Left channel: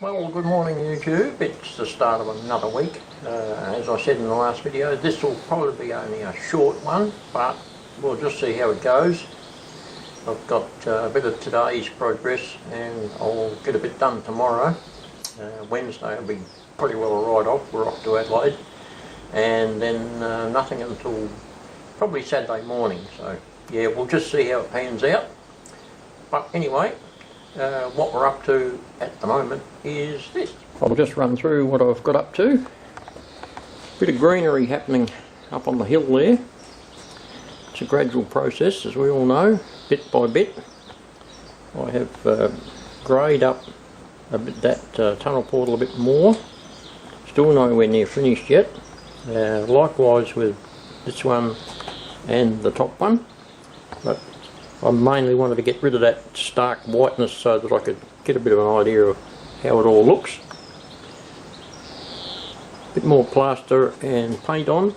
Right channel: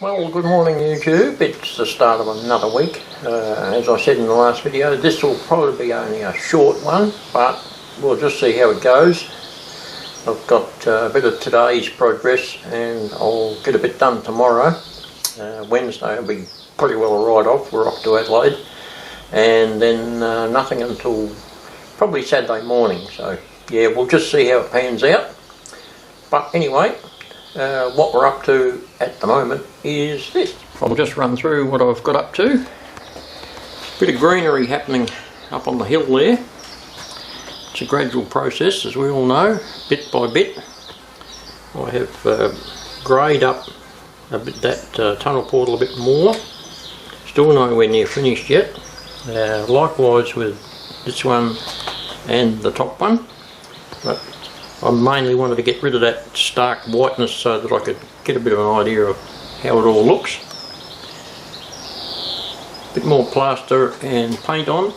Well, good morning YouTube. It's the start of another week. As I said in the last video, this will probably be only a short one, but we'll just see how it goes. I've got a bit of today's progress and I'll get a bit done tomorrow. Wednesday will be pretty well a write-off. We're off to Adelaide, and then nothing until probably Saturday morning. So yeah, we'll just see how it pans out. But anyway, what we're up to at the moment is this. I'll just run through what I've got up to. Bit of greenery happening up on the hill there. It's a gradual process, as we all know, bit by bit. I have greyed up a bit that tunnel portal a bit more. Still nowhere near finished yet. Likewise with this one and the top one. But I mainly wanted to get rid of that stark whiteness so that I could get a bit of an idea of how it all looks. A bit more plaster and paint on.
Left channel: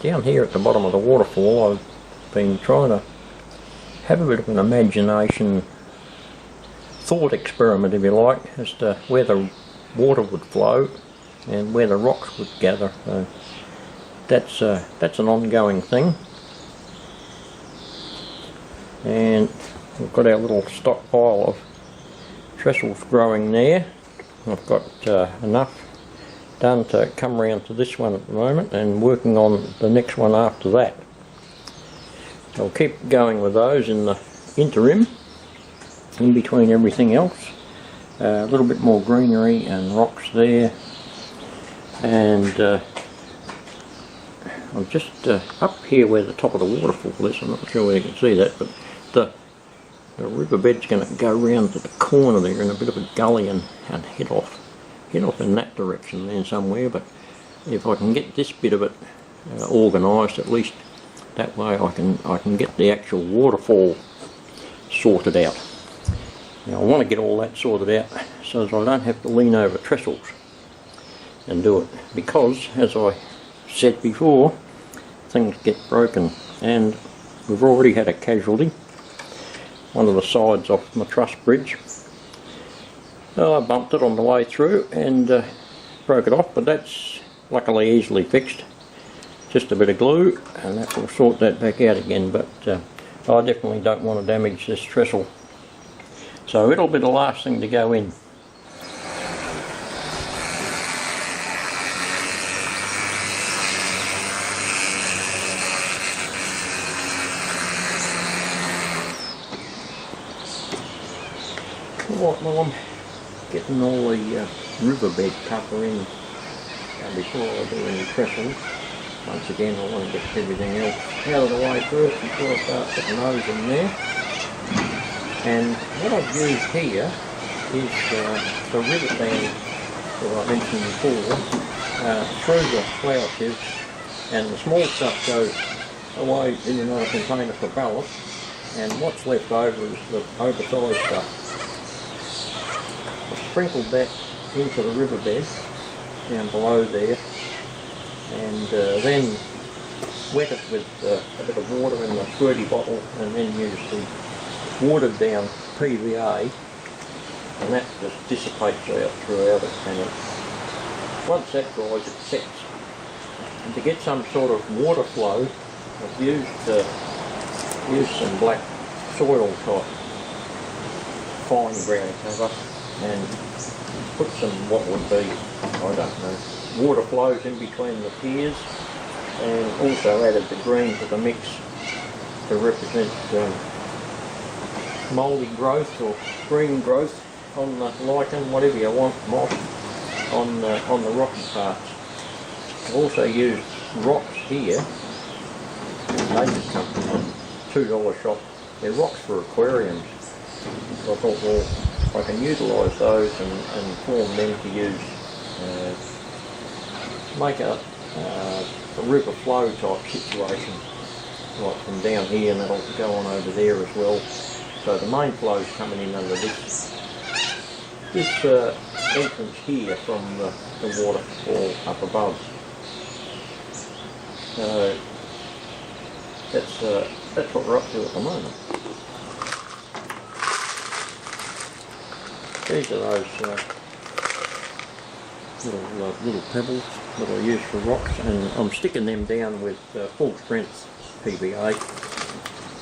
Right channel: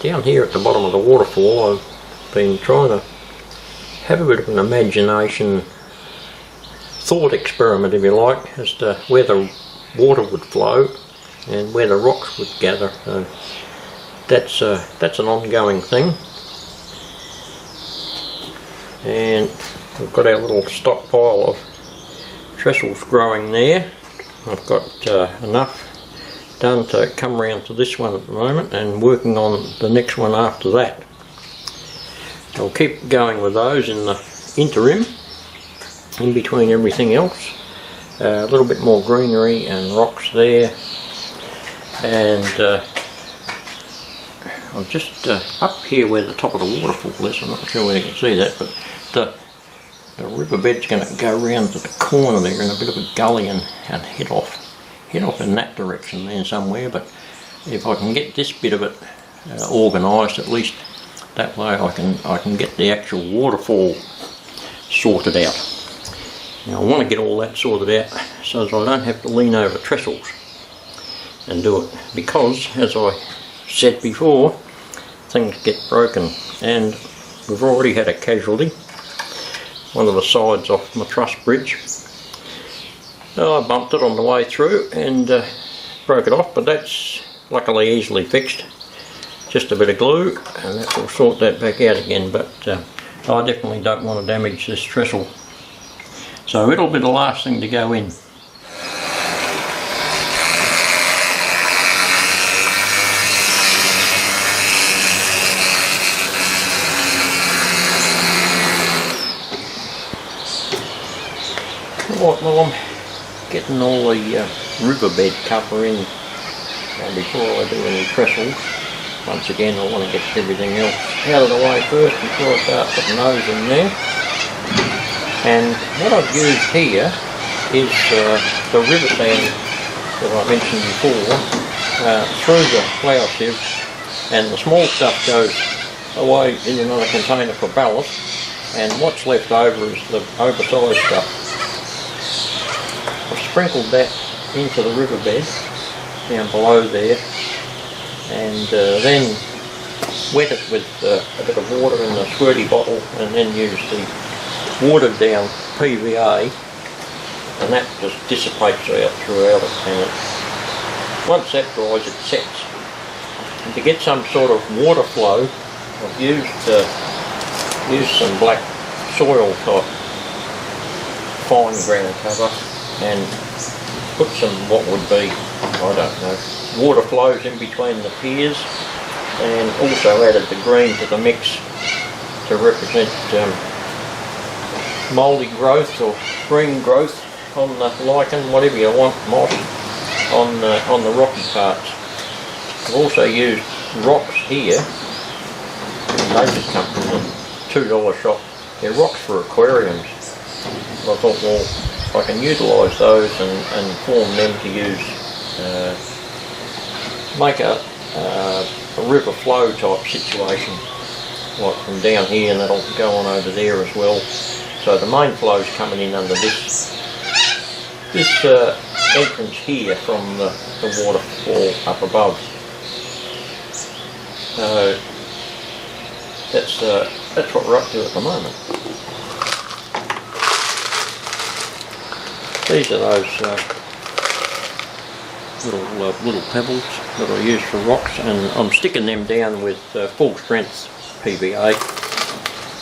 Down here at the bottom of the waterfall, I've been trying to have a bit of an imagination thought experiment, if you like, as to where the water would flow and where the rocks would gather. So that's an ongoing thing. And we've got our little stockpile of trestles growing there. I've got enough done to come around to this one at the moment and working on the next one after that. I'll keep going with those in the interim, in between everything else. A little bit more greenery and rocks there, and I'm just up here where the top of the waterfall is. I'm not sure whether you can see that, but the riverbed's going to go round to the corner there in a bit of a gully and head off in that direction there somewhere. But if I can get this bit of it organised, at least that way I can get the actual waterfall sorted out. Now I want to get all that sorted out so that I don't have to lean over trestles and do it, because as I said before, things get broken, and we've already had a casualty. One of the sides off my truss bridge. I bumped it on the way through and broke it off, but that's luckily easily fixed. Just a bit of glue and that will sort that back out again, but I definitely don't want to damage this trestle. So it'll be the last thing to go in. Right, well, I'm getting all the riverbed cover in before I do any trestles. Once again, I want to get everything else out of the way first before I start putting those in there. And what I've used here is the river sand that I mentioned before through the flour sieve, and the small stuff goes away in another container for ballast, and what's left over is the oversized stuff. I've sprinkled that into the riverbed down below there, and then wet it with a bit of water in the squirty bottle, and then use the watered down PVA, and that just dissipates out throughout it, and once that dries it sets. And to get some sort of water flow, I've used some black soil type fine ground cover and put some what would be, I don't know, water flows in between the piers, and also added the green to the mix to represent mouldy growth or green growth on the lichen, whatever you want, moss on the rocky parts. I've also used rocks here. They just come from the $2 shop. They're rocks for aquariums. I thought, well, I can utilise those and form them to use, make a river flow type situation, like from down here, and that'll go on over there as well. So the main flow is coming in under this entrance here from the waterfall up above. So that's what we're up to at the moment. These are those little pebbles that I use for rocks, and I'm sticking them down with full strength PVA.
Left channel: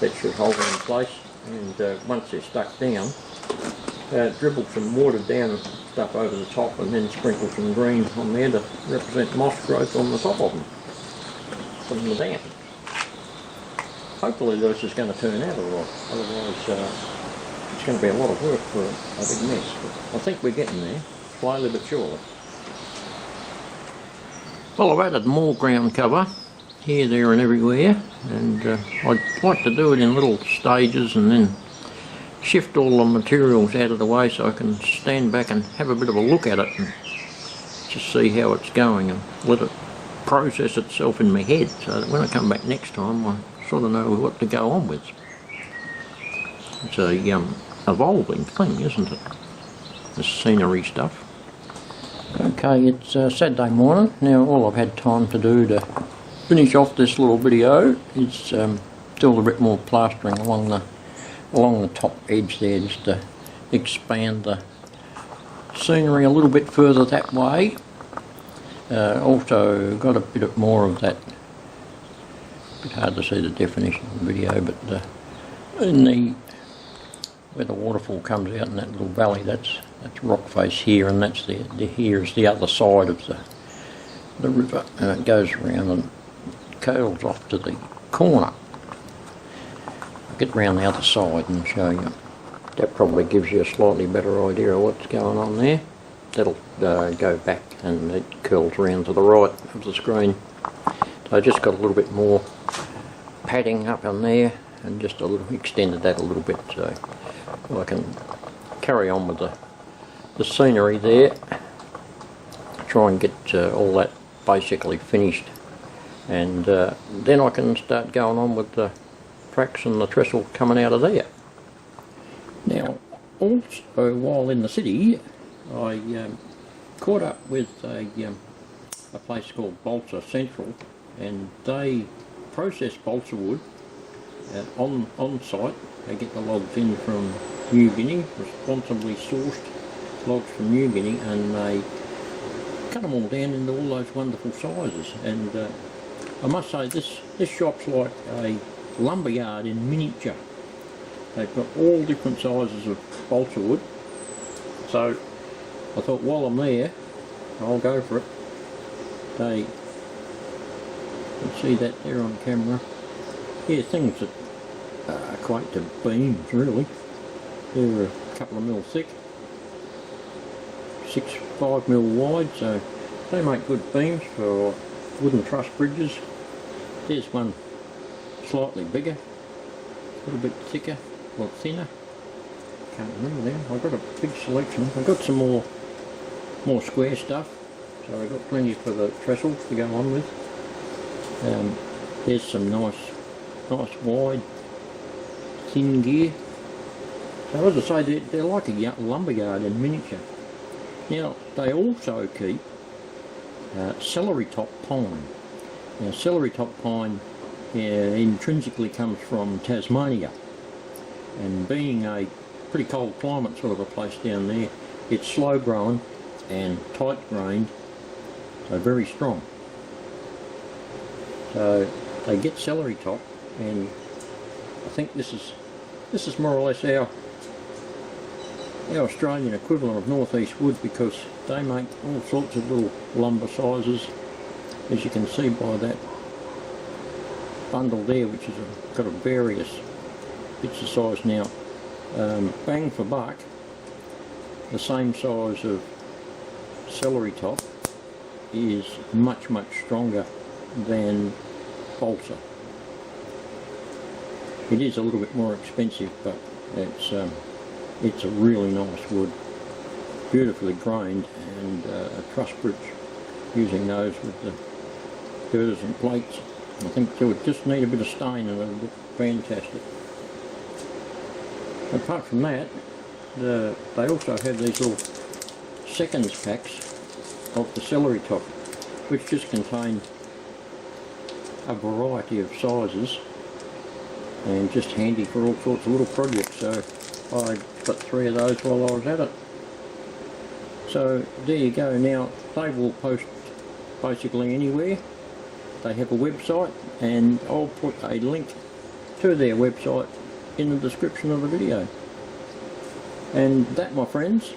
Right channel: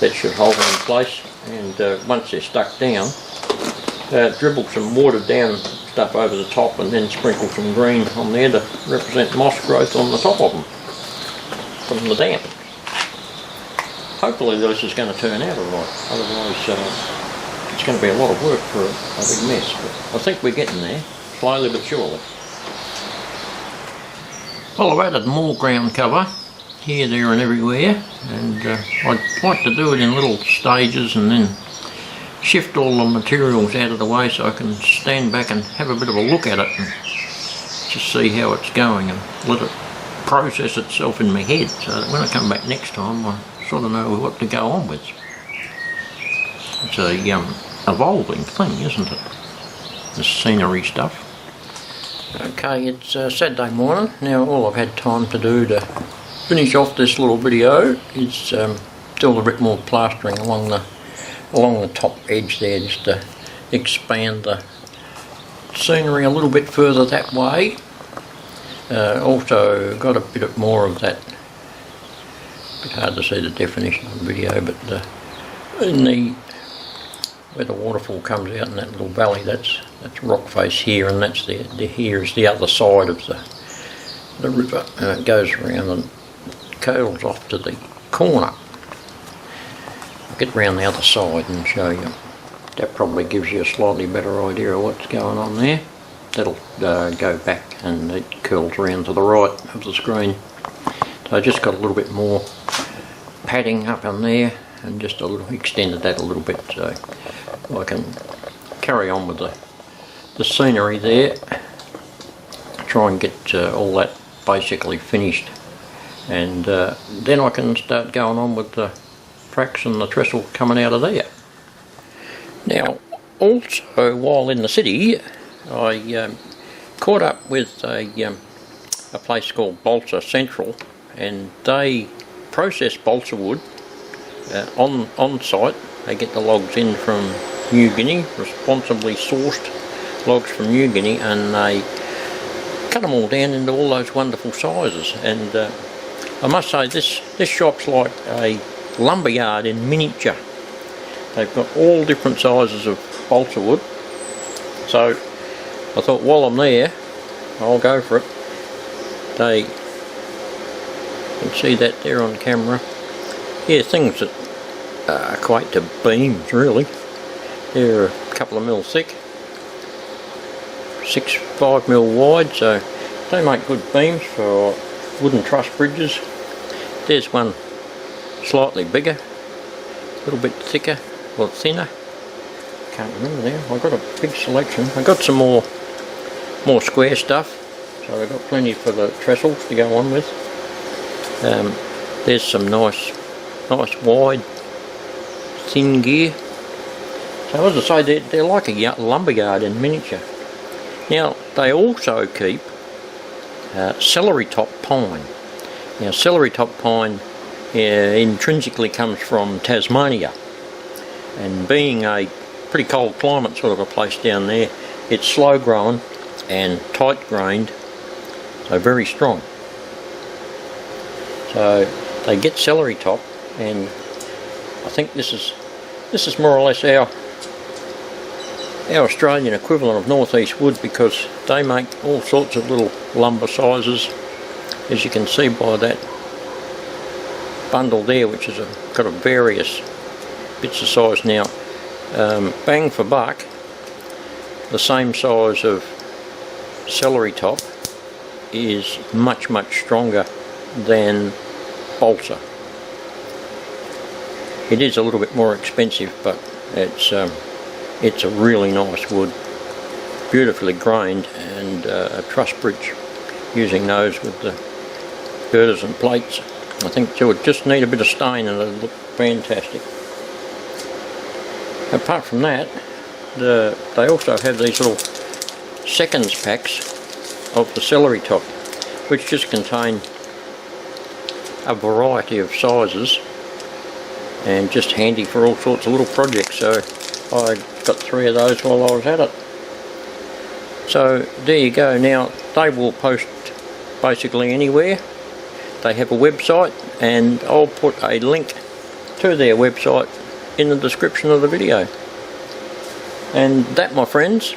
That should hold them in place, and once they're stuck down, dribble some watered down stuff over the top and then sprinkle some green on there to represent moss growth on the top of them from the damp. Hopefully this is going to turn out alright, otherwise it's going to be a lot of work for a big mess, but I think we're getting there, slowly but surely. Well, I've added more ground cover here, there and everywhere, and I'd like to do it in little stages and then shift all the materials out of the way so I can stand back and have a bit of a look at it and just see how it's going and let it process itself in my head, so that when I come back next time I sort of know what to go on with. It's a evolving thing, isn't it? The scenery stuff. Okay, it's Saturday morning. Now all I've had time to do to finish off this little video is do a bit more plastering along the top edge there, just to expand the scenery a little bit further that way. Also got a bit more of that, it's hard to see the definition of the video, but in where the waterfall comes out in that little valley, that's rock face here, and that's here is the other side of the river. It goes around and curls off to the corner. I'll get round the other side and show you. That probably gives you a slightly better idea of what's going on there. That'll go back and it curls around to the right of the screen. So I just got a little bit more padding up on there and just extended that a little bit so I can carry on with the scenery there. Try and get all that basically finished, and then I can start going on with the tracks and the trestle coming out of there. Now also while in the city I caught up with a place called Balsa Central, and they process balsa wood on site. They get the logs in from New Guinea, responsibly sourced logs from New Guinea, and they cut them all down into all those wonderful sizes. And I must say this shop's like a lumberyard in miniature. They've got all different sizes of balsa wood, so I thought while I'm there I'll go for it. You can see that there on camera. Yeah, things that equate to beams really. They're a couple of mil thick, 5 mil wide, so they make good beams for wooden truss bridges. There's one slightly bigger, a little bit thicker or thinner. Can't remember now. I've got a big selection. I've got some more square stuff, so I've got plenty for the trestles to go on with. There's some nice wide thin gear. So as I say, they're like a lumberyard in miniature. Now they also keep celery top pine. Now celery top pine intrinsically comes from Tasmania, and being a pretty cold climate sort of a place down there, it's slow growing and tight grained, so very strong. So they get celery top, and I think this is more or less our Australian equivalent of northeast wood, because they make all sorts of little lumber sizes, as you can see by that bundle there, which is got a various bits of size. Now bang for buck, the same size of celery top is much stronger than balsa. It is a little bit more expensive, but it's a really nice wood, beautifully grained, and a truss bridge using those with the girders and plates. I think it would just need a bit of stain and it'd look fantastic. Apart from that, they also have these little seconds packs of the celery top, which just contain a variety of sizes and just handy for all sorts of little projects. So I got 3 of those while I was at it. So there you go. Now they will post basically anywhere. They have a website, and I'll put a link to their website in the description of the video. And that, my friends,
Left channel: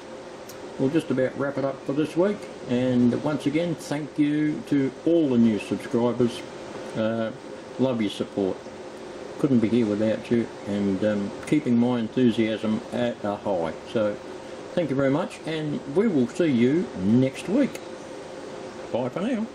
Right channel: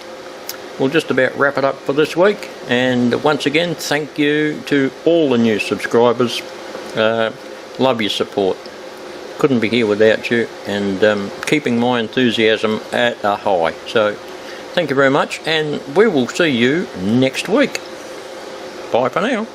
will just about wrap it up for this week. And once again, thank you to all the new subscribers. Love your support. Couldn't be here without you, and keeping my enthusiasm at a high. So thank you very much, and we will see you next week. Bye for now.